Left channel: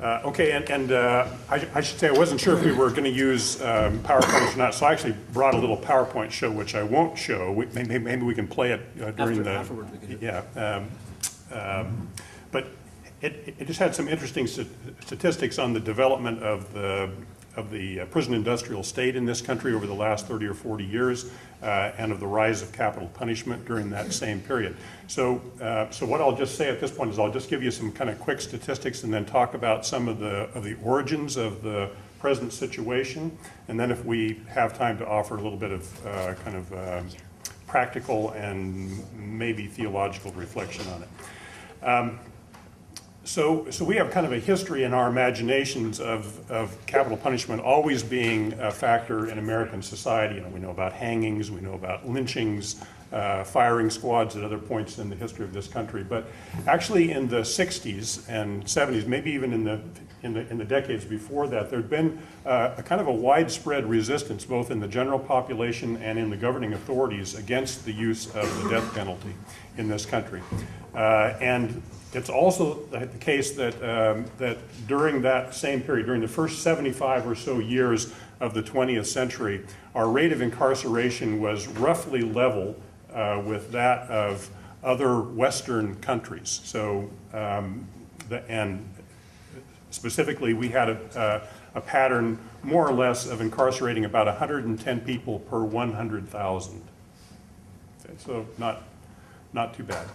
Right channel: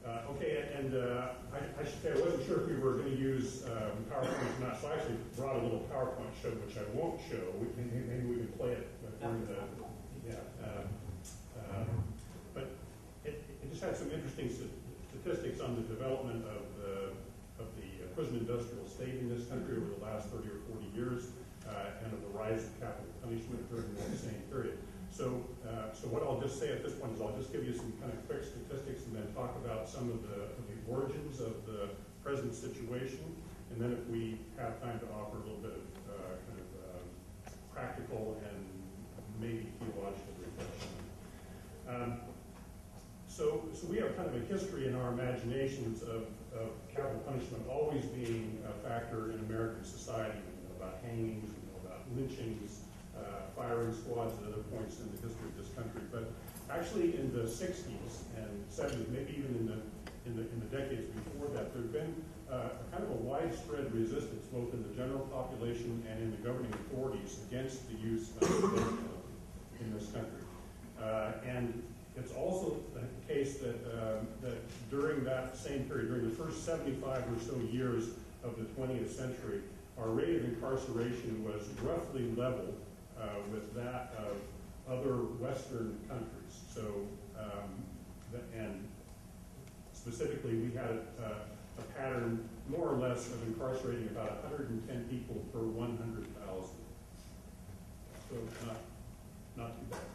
Okay, I should say I wasn't sure if we were going to use PowerPoint or not, so I actually brought a little PowerPoint show, which I won't show. Maybe we can play it during Afterward we can. Yeah. But it just had some interesting statistics on the development of the prison industrial state in this country over the last 30 or 40 years, and of the rise of capital punishment during that same period. So what I'll just say at this point is I'll just give you some kind of quick statistics and then talk about some of the origins of the present situation, and then if we have time to offer a little bit of practical and maybe theological reflection on it. So we have kind of a history in our imaginations of capital punishment always being a factor in American society. You know, we know about hangings, we know about lynchings, firing squads at other points in the history of this country. But actually in the 60s and 70s, maybe even in the decades before that, there'd been a kind of a widespread resistance both in the general population and in the governing authorities against the use of the death penalty in this country. And it's also the case that that during that same period, during the first 75 or so years of the 20th century, our rate of incarceration was roughly level with that of other Western countries. So, and specifically, we had a pattern more or less of incarcerating about 110 people per 100,000. Okay, so not too bad.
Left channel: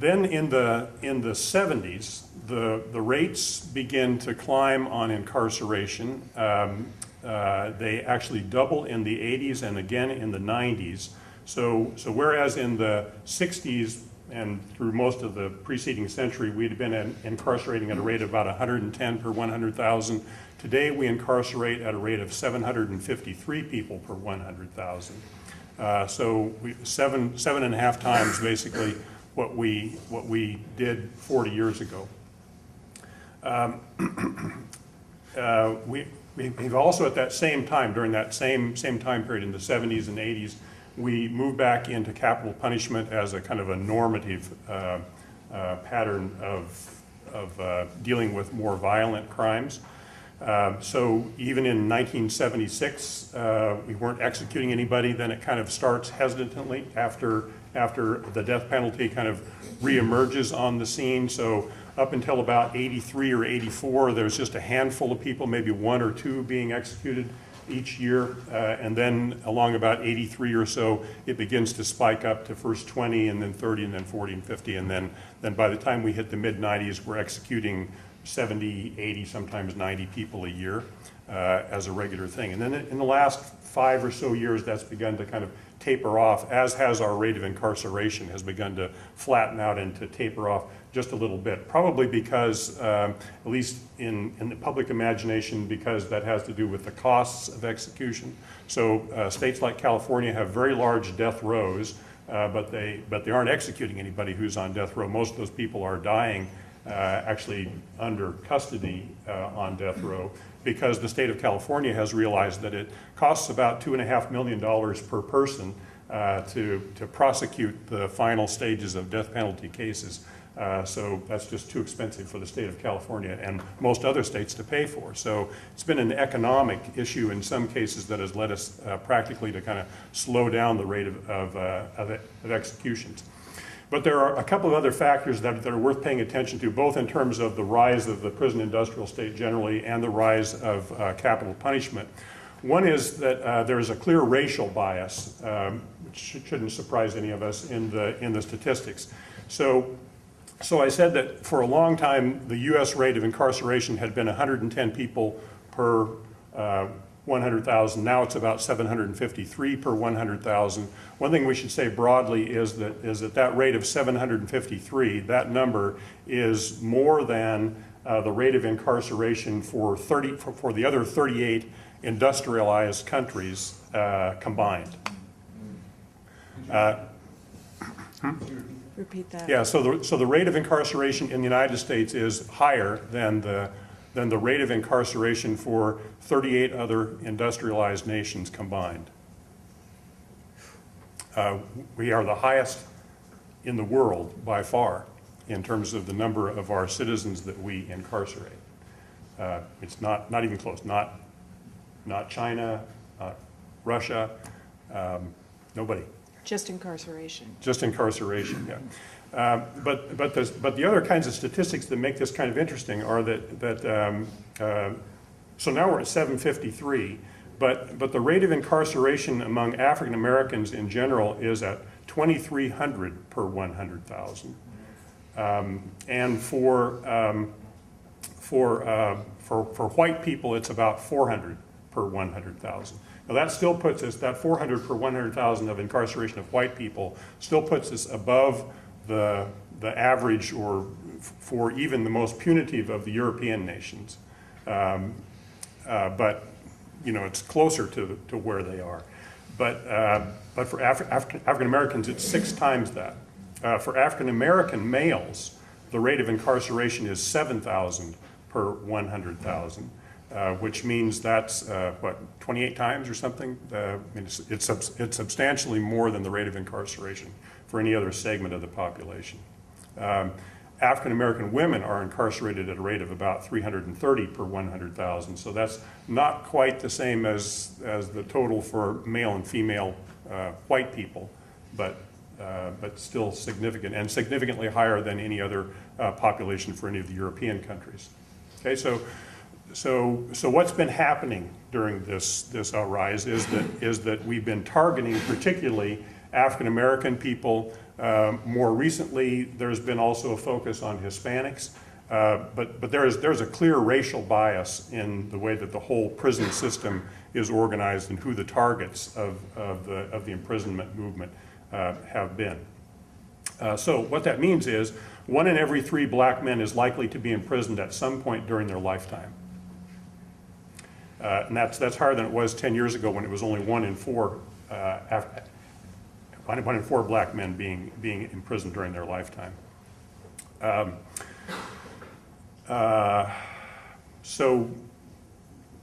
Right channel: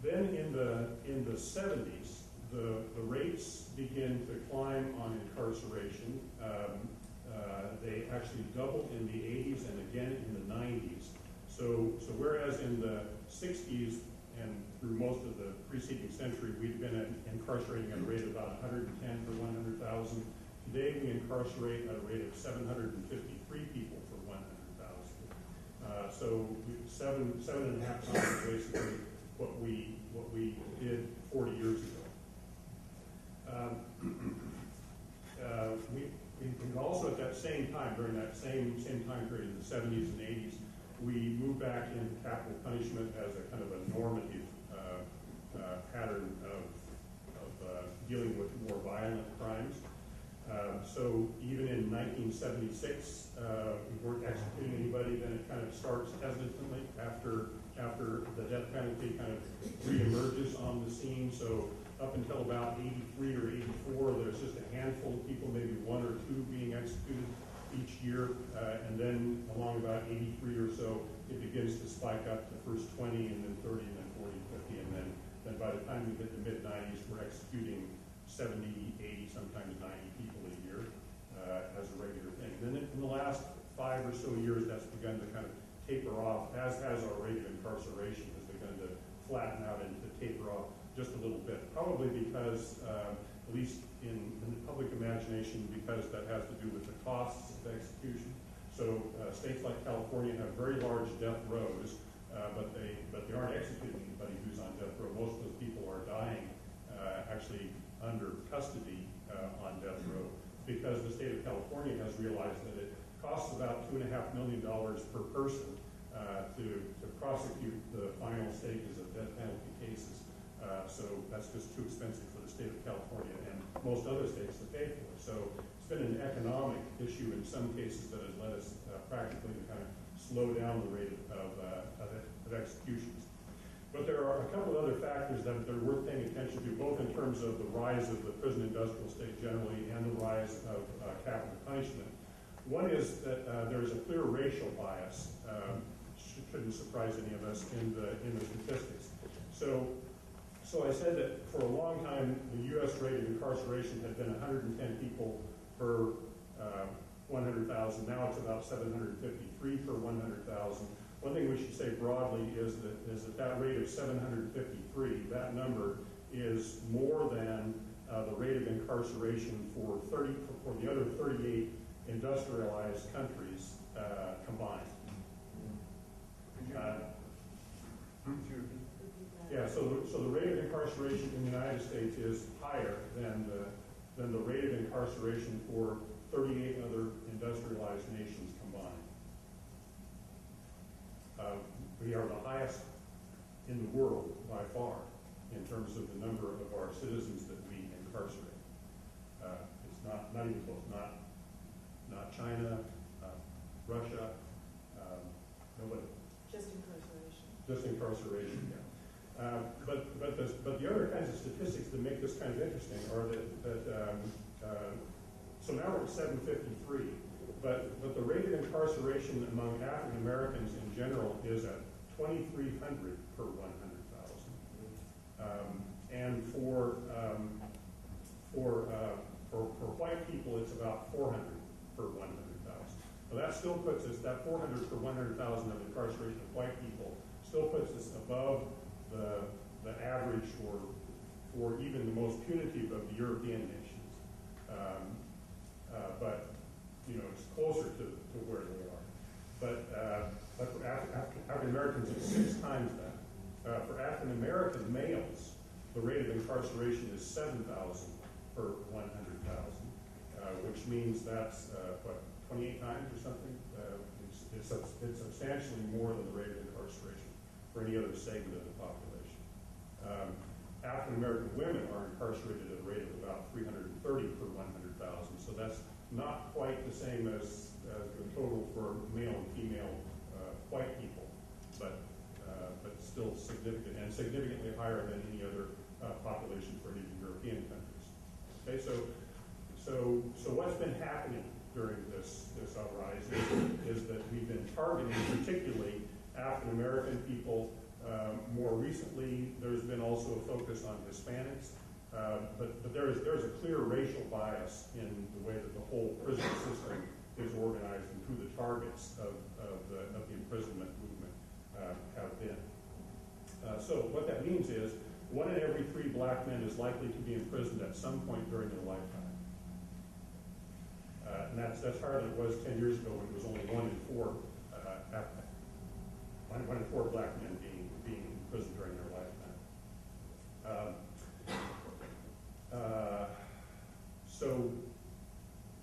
Then in the 70s, the rates begin to climb on incarceration. They actually double in the 80s and again in the 90s. So whereas in the 60s and through most of the preceding century, we'd been incarcerating at a rate of about 110 per 100,000. Today we incarcerate at a rate of 753 people per 100,000. So seven and a half times basically what we did 40 years ago. We've also at that same time, during that same time period in the 70s and 80s, we moved back into capital punishment as a kind of a normative pattern of dealing with more violent crimes. So even in 1976, we weren't executing anybody. Then it kind of starts hesitantly after the death penalty kind of reemerges on the scene. So up until about 83 or 84, there's just a handful of people, maybe one or two being executed each year. And then along about 83 or so, it begins to spike up to first 20 and then 30 and then 40 and 50. And then by the time we hit the mid-90s, we're executing 70, 80, sometimes 90 people a year as a regular thing. And then in the last 5 or so years, that's begun to kind of taper off, as has our rate of incarceration has begun to flatten out and to taper off just a little bit. Probably because, at least in the public imagination, because that has to do with the costs of execution. So states like California have very large death rows, but they aren't executing anybody who's on death row. Most of those people are dying actually under custody on death row, because the state of California has realized that it costs about $2.5 million per person to prosecute the final stages of death penalty cases. So that's just too expensive for the state of California and most other states to pay for. So it's been an economic issue in some cases that has led us practically to kind of slow down the rate of executions. But there are a couple of other factors that are worth paying attention to, both in terms of the rise of the prison industrial state generally and the rise of capital punishment. One is that there is a clear racial bias, which shouldn't surprise any of us in the statistics. So I said that for a long time, the US rate of incarceration had been 110 people per 100,000. Now it's about 753 per 100,000. One thing we should say broadly is that rate of 753, that number is more than the rate of incarceration for the other 38 industrialized countries combined. Repeat that. Yeah, so the rate of incarceration in the United States is higher than the rate of incarceration for 38 other industrialized nations combined. We are the highest in the world by far in terms of the number of our citizens that we incarcerate. It's not even close. Not China, not Russia, nobody. Just incarceration. Just incarceration, yeah. But the other kinds of statistics that make this kind of interesting are so now we're at 753, but the rate of incarceration among African Americans in general is at 2,300 per 100,000. And for white people, it's about 400 per 100,000. Now that still puts us, that 400 per 100,000 of incarceration of white people still puts us above the average, or for even the most punitive of the European nations. But you know, it's closer to where they are. But for African Americans, it's 6 times that. For African American males, the rate of incarceration is 7,000 per 100,000, which means that's, 28 times or something? I mean, it's substantially more than the rate of incarceration for any other segment of the population. African American women are incarcerated at a rate of about 330 per 100,000, so that's not quite the same as the total for male and female white people, but still significant, and significantly higher than any other population for any of the European countries. Okay, so what's been happening during this rise is that we've been targeting particularly African American people. More recently, there's been also a focus on Hispanics, but there's a clear racial bias in the way that the whole prison system is organized and who the targets of the imprisonment movement have been. So what that means is 1 in every 3 black men is likely to be imprisoned at some point during their lifetime. And that's higher than it was 10 years ago, when it was only 1 in 4 1 in 4 black men being imprisoned during their lifetime. So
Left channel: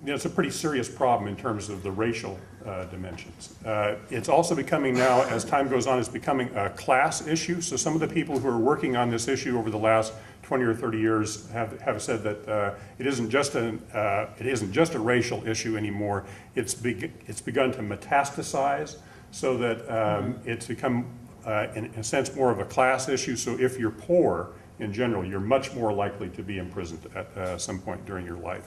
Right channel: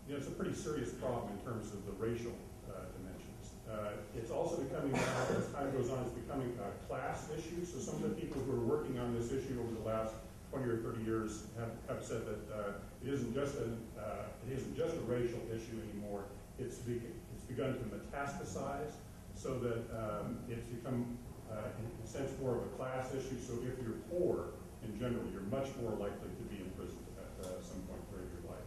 you know, it's a pretty serious problem in terms of the racial dimensions. It's also becoming now, as time goes on, it's becoming a class issue. So some of the people who are working on this issue over the last 20 or 30 years have said that it isn't just a racial issue anymore. It's begun to metastasize, so that it's become, in a sense, more of a class issue. So if you're poor in general, you're much more likely to be imprisoned at some point during your life.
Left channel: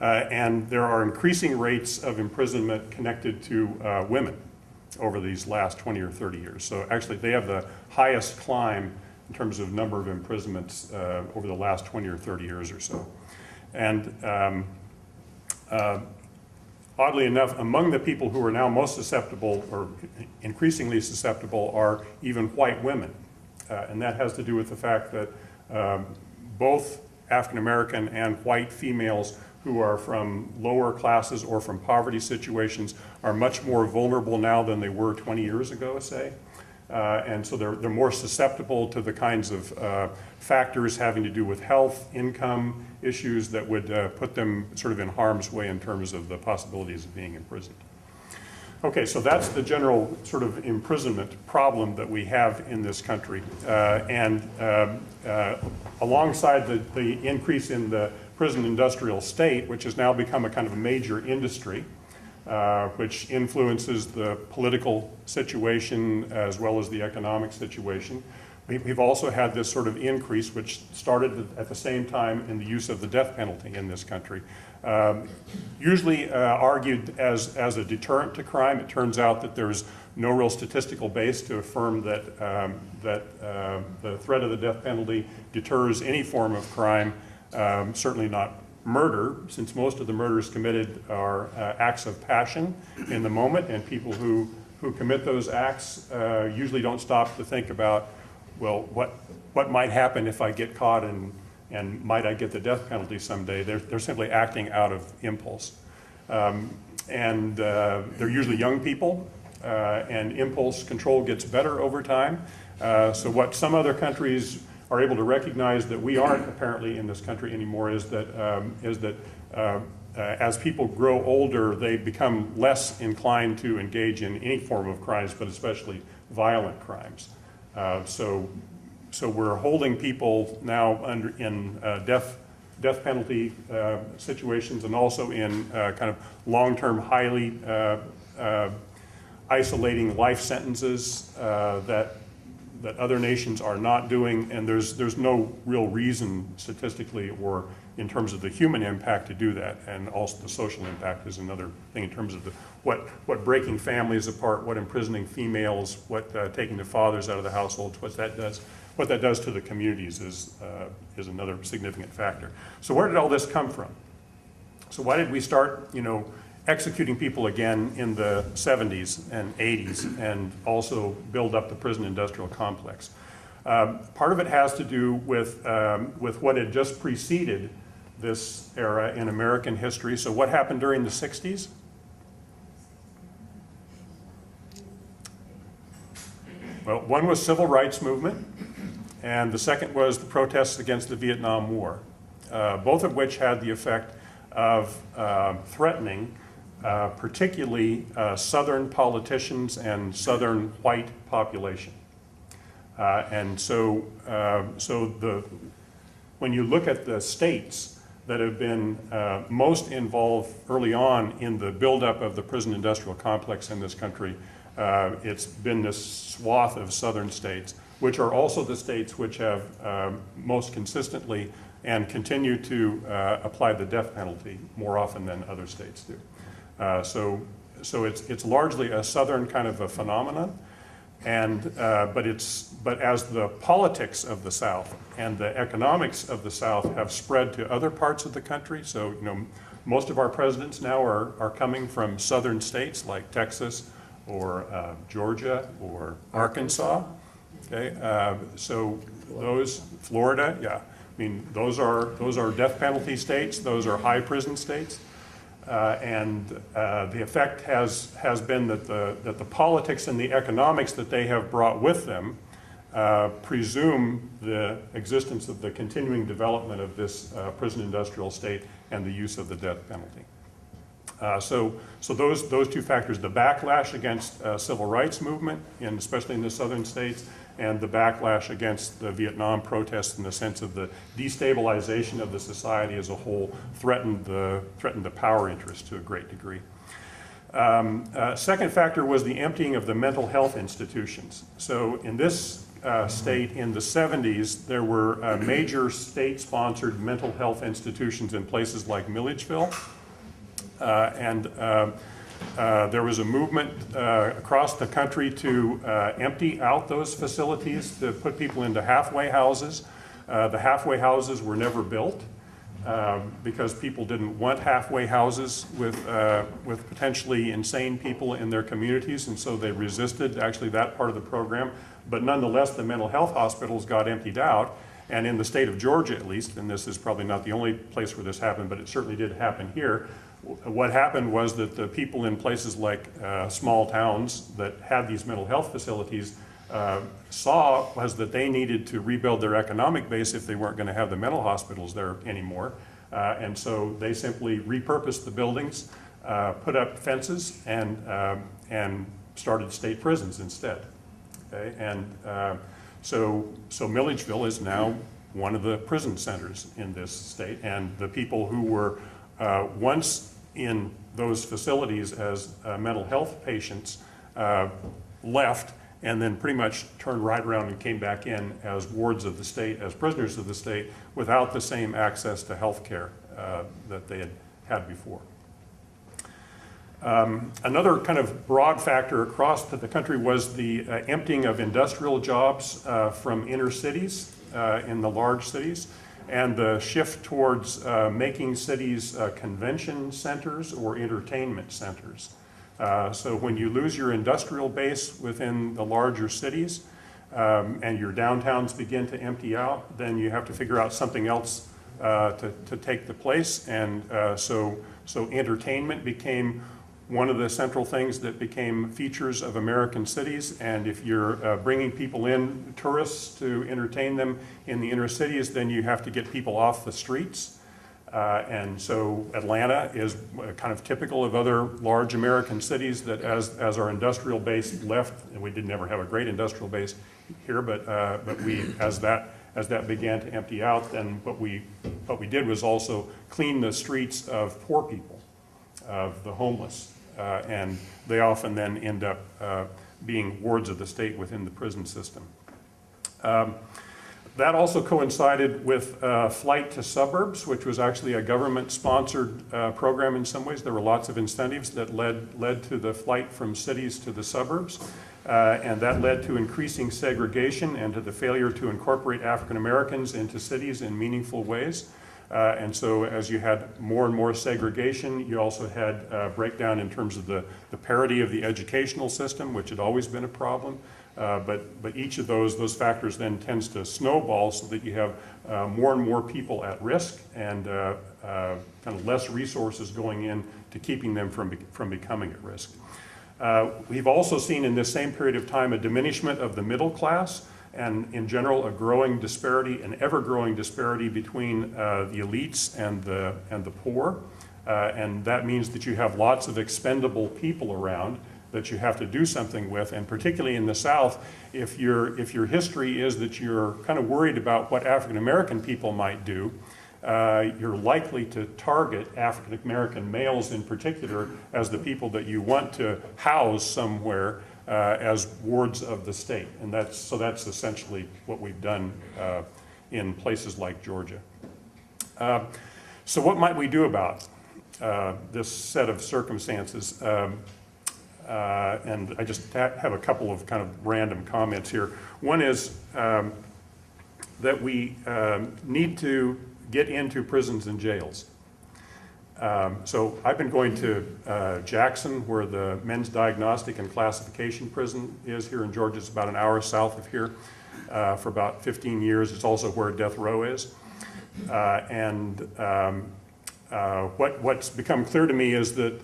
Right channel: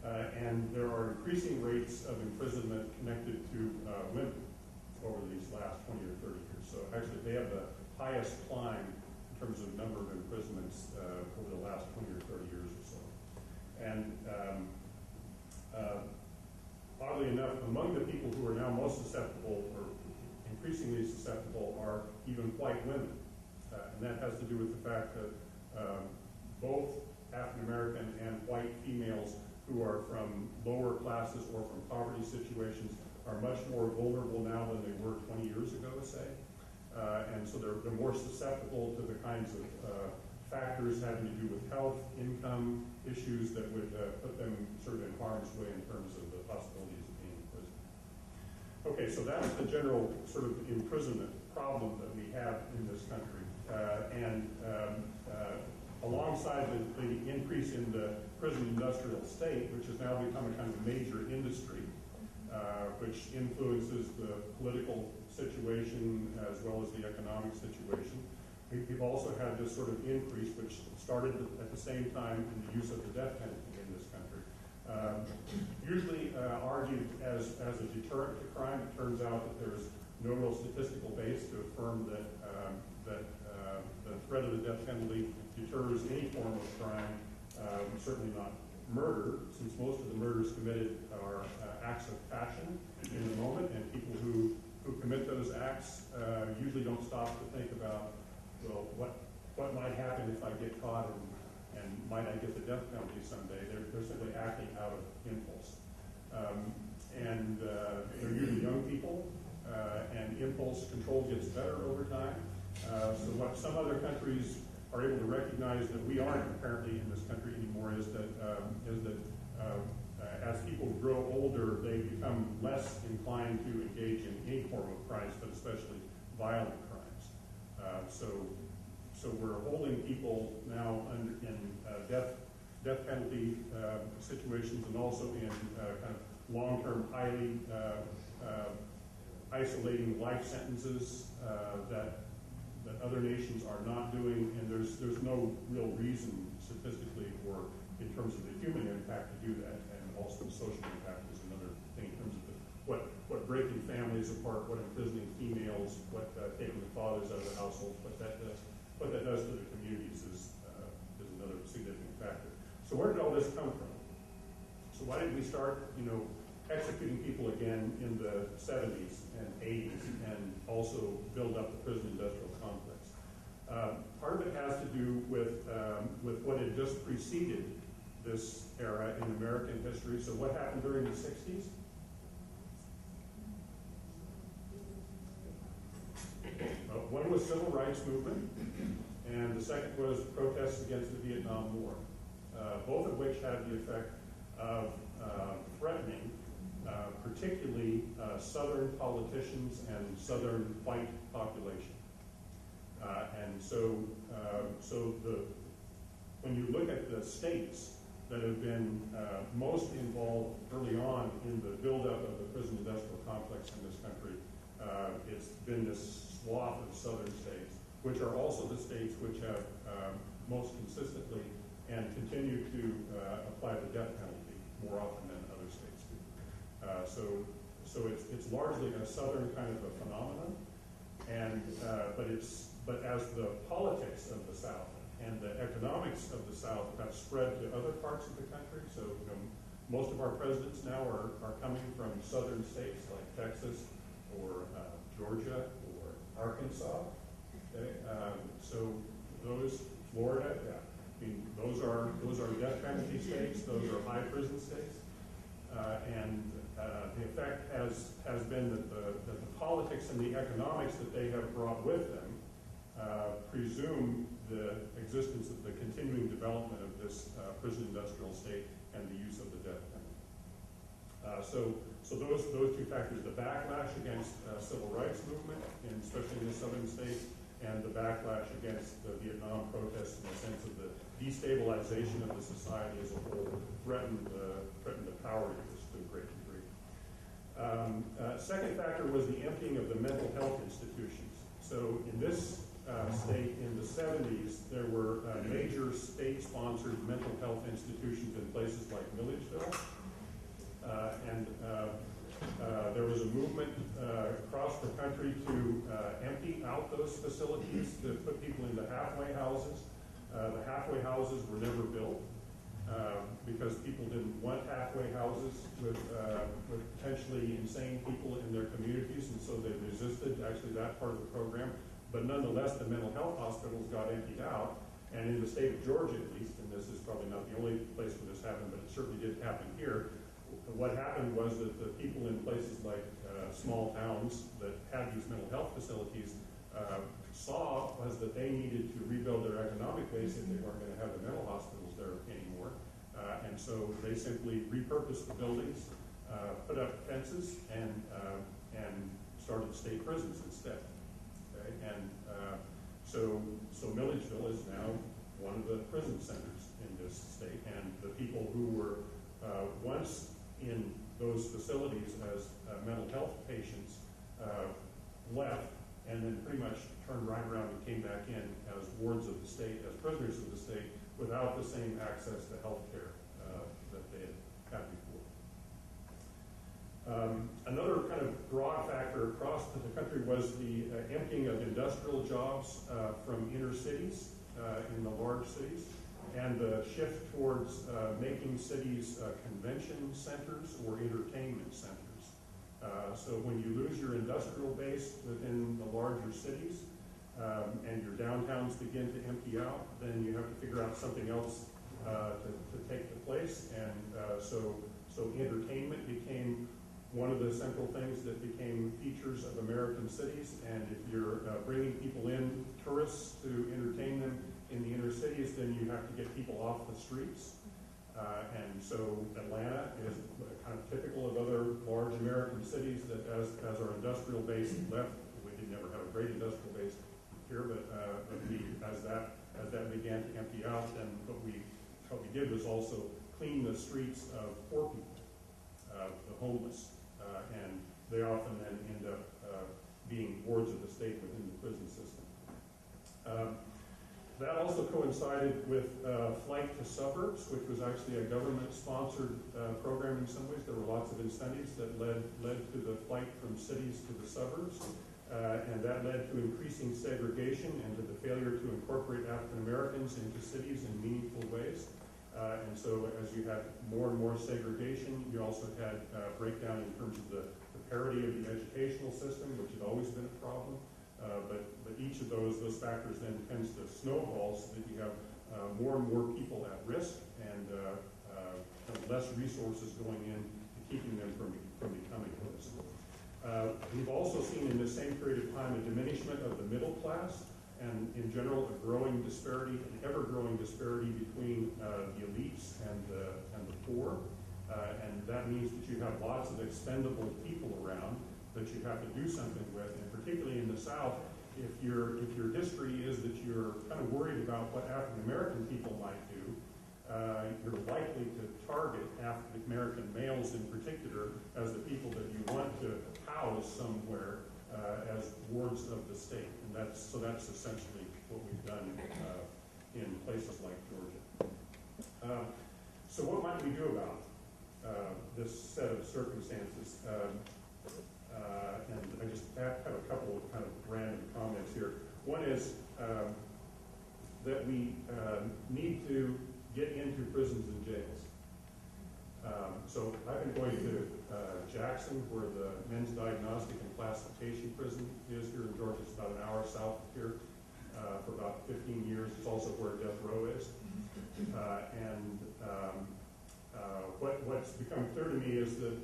And there are increasing rates of imprisonment connected to women over these last 20 or 30 years. So actually, they have the highest climb in terms of number of imprisonments over the last 20 or 30 years or so. And oddly enough, among the people who are now most susceptible, or increasingly susceptible, are even white women. And that has to do with the fact that both African American and white females who are from lower classes or from poverty situations are much more vulnerable now than they were 20 years ago, say. And so they're more susceptible to the kinds of factors having to do with health, income issues that would put them sort of in harm's way in terms of the possibilities of being imprisoned. Okay, so that's the general sort of imprisonment problem that we have in this country. Alongside the increase in the prison industrial state, which has now become a kind of a major industry, which influences the political situation as well as the economic situation. We've also had this sort of increase, which started at the same time, in the use of the death penalty in this country. Usually argued as a deterrent to crime. It turns out that there's no real statistical base to affirm that the threat of the death penalty deters any form of crime, certainly not murder, since most of the murders committed are acts of passion in the moment, and people who commit those acts usually don't stop to think about, well, what might happen if I get caught, and might I get the death penalty someday? They're simply acting out of impulse. And they're usually young people, and impulse control gets better over time. So what some other countries are able to recognize that we aren't apparently in this country anymore is that as people grow older, they become less inclined to engage in any form of crimes, but especially violent crimes. So so we're holding people now in death penalty situations, and also in kind of long-term, highly isolating life sentences that other nations are not doing, and there's no real reason statistically or in terms of the human impact to do that, and also the social impact is another thing in terms of what breaking families apart, what imprisoning females, what taking the fathers out of the households, what that does to the communities is another significant factor. So where did all this come from? So why did we start, executing people again in the 70s and 80s, and also build up the prison industrial complex? Part of it has to do with what had just preceded this era in American history. So what happened during the 60s? Well, one was civil rights movement, and the second was the protests against the Vietnam War, both of which had the effect of threatening particularly Southern politicians and Southern white population. And so when you look at the states that have been most involved early on in the buildup of the prison industrial complex in this country, it's been this swath of southern states, which are also the states which have most consistently and continue to apply the death penalty more often than other states do. So it's largely a southern kind of a phenomenon, and but as the politics of the South and the economics of the South have spread to other parts of the country, so most of our presidents now are coming from southern states like Texas or Georgia or Arkansas. Okay, so those, Florida, yeah, I mean those are death penalty states. Those are high prison states. And the effect has been that the politics and the economics that they have brought with them presume the existence of the continuing development of this prison industrial state and the use of the death penalty. So those two factors, the backlash against civil rights movement, especially in the southern states, and the backlash against the Vietnam protests in the sense of the destabilization of the society as a whole, threatened the power interest to a great degree. Second factor was the emptying of the mental health institutions. So in this state in the 70s, there were major state-sponsored mental health institutions in places like Milledgeville, and there was a movement across the country to empty out those facilities, to put people into halfway houses. The halfway houses were never built because people didn't want halfway houses with potentially insane people in their communities, and so they resisted actually that part of the program. But nonetheless, the mental health hospitals got emptied out, and in the state of Georgia at least, and this is probably not the only place where this happened, but it certainly did happen here, what happened was that the people in places like small towns that had these mental health facilities saw was that they needed to rebuild their economic base if they weren't going to have the mental hospitals there anymore. And so they simply repurposed the buildings, put up fences, and started state prisons instead. Okay? And so Milledgeville is now one of the prison centers in this state, and the people who were once in those facilities as mental health patients left, and then pretty much turned right around and came back in as wards of the state, as prisoners of the state, without the same access to health care that they had before. Another kind of broad factor across the country was the emptying of industrial jobs from inner cities in the large cities, and the shift towards making cities convention centers or entertainment centers. So when you lose your industrial base within the larger cities and your downtowns begin to empty out, then you have to figure out something else to take the place. And so entertainment became one of the central things that became features of American cities. And if you're bringing people in, tourists, to entertain them in the inner cities, then you have to get people off the streets. And so Atlanta is kind of typical of other large American cities that as our industrial base left, and we did never have a great industrial base here, but we, as that began to empty out, then what we did was also clean the streets of poor people, of the homeless, and they often then end up being wards of the state within the prison system. That also coincided with Flight to Suburbs, which was actually a government-sponsored program in some ways. There were lots of incentives that led to the flight from cities to the suburbs, and that led to increasing segregation and to the failure to incorporate African Americans into cities in meaningful ways. And so as you had more and more segregation, you also had breakdown in terms of the parity of the educational system, which had always been a problem. But each of those factors then tends to snowball so that you have more and more people at risk and kind of less resources going in to keeping them from becoming at risk. We've also seen in this same period of time a diminishment of the middle class, and in general a growing disparity, an ever-growing disparity between the elites and the poor. And that means that you have lots of expendable people around that you have to do something with, and particularly in the South, if your history is that you're kind of worried about what African American people might do, you're likely to target African American males in particular as the people that you want to house somewhere as wards of the state. And that's essentially what we've done in places like Georgia. So what might we do about this set of circumstances? And I just have a couple of kind of random comments here. One is that we need to get into prisons and jails. So I've been going to Jackson, where the Men's Diagnostic and Classification Prison is here in Georgia. It's about an hour south of here for about 15 years. It's also where death row is. What's become clear to me is that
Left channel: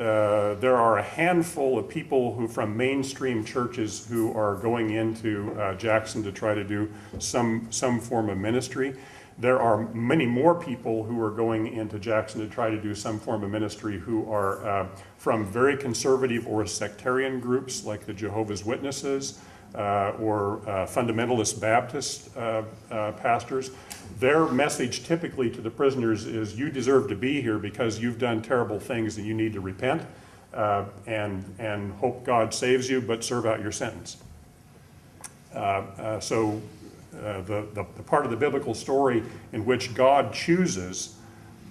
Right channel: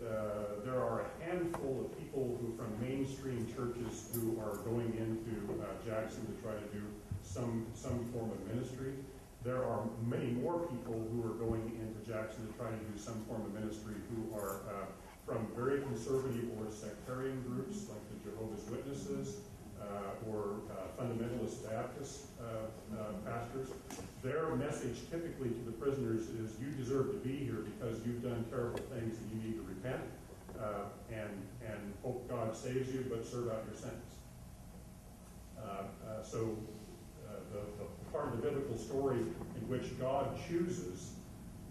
there are a handful of people who, from mainstream churches, who are going into Jackson to try to do some form of ministry. There are many more people who are going into Jackson to try to do some form of ministry who are from very conservative or sectarian groups like the Jehovah's Witnesses or fundamentalist Baptist pastors. Their message typically to the prisoners is, you deserve to be here because you've done terrible things and you need to repent and hope God saves you, but serve out your sentence. So the part of the biblical story in which God chooses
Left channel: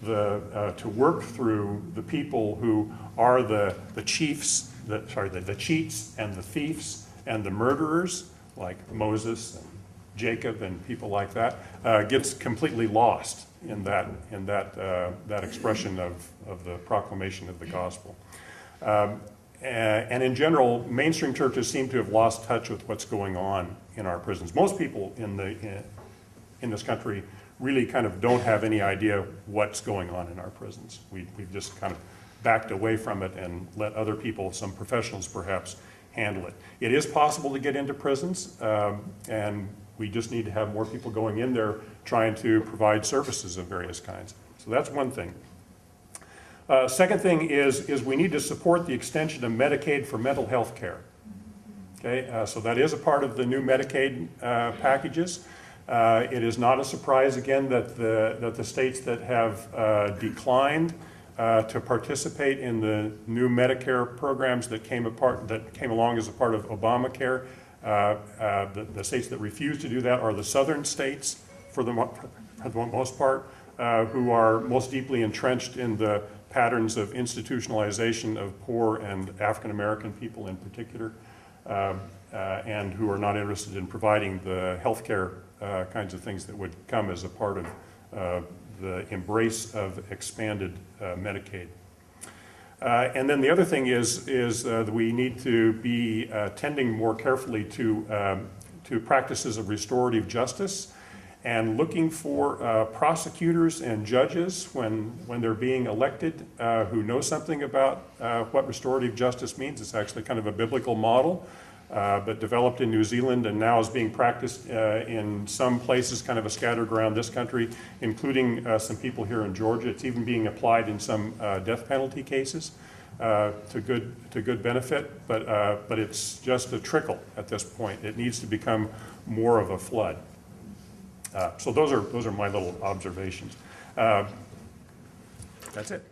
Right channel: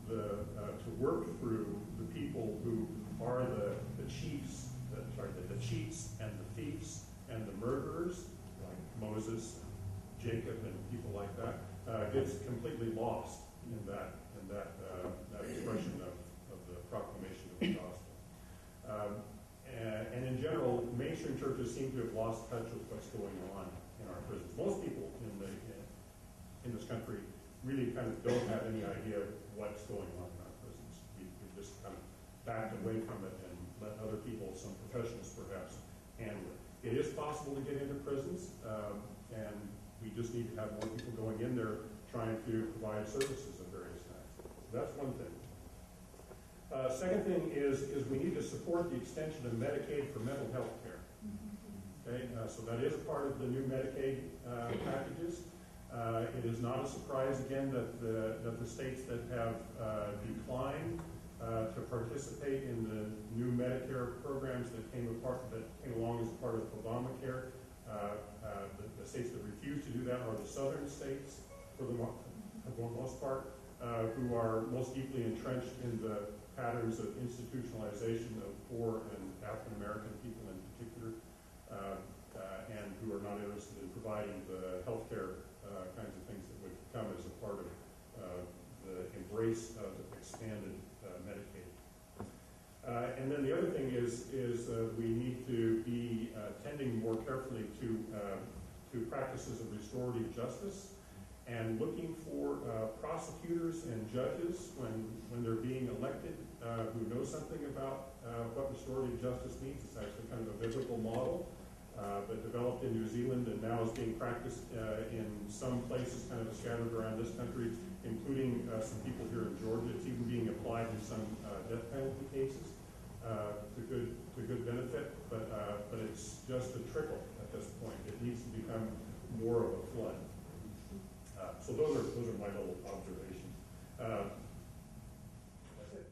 to work through the people who are the cheats and the thieves and the murderers, like Moses, Jacob, and people like that, gets completely lost in that expression of the proclamation of the gospel. And in general, mainstream churches seem to have lost touch with what's going on in our prisons. Most people in this country really kind of don't have any idea what's going on in our prisons. We've just kind of backed away from it and let other people, some professionals perhaps, handle it. It is possible to get into prisons, and we just need to have more people going in there trying to provide services of various kinds. So that's one thing. Second thing is we need to support the extension of Medicaid for mental health care. Okay, so that is a part of the new Medicaid packages. It is not a surprise, again, that the states that have declined to participate in the new Medicare programs that came along as a part of Obamacare, the states that refuse to do that are the southern states, for the most part, who are most deeply entrenched in the patterns of institutionalization of poor and African American people in particular, and who are not interested in providing the health care kinds of things that would come as a part of the embrace of expanded Medicaid. And then the other thing is that we need to be tending more carefully to practices of restorative justice and looking for prosecutors and judges when they're being elected who know something about what restorative justice means. It's actually kind of a biblical model, but developed in New Zealand and now is being practiced in some places kind of scattered around this country, including some people here in Georgia. It's even being applied in some death penalty cases to good benefit, but it's just a trickle at this point. It needs to become more of a flood. So those are my little observations. That's it.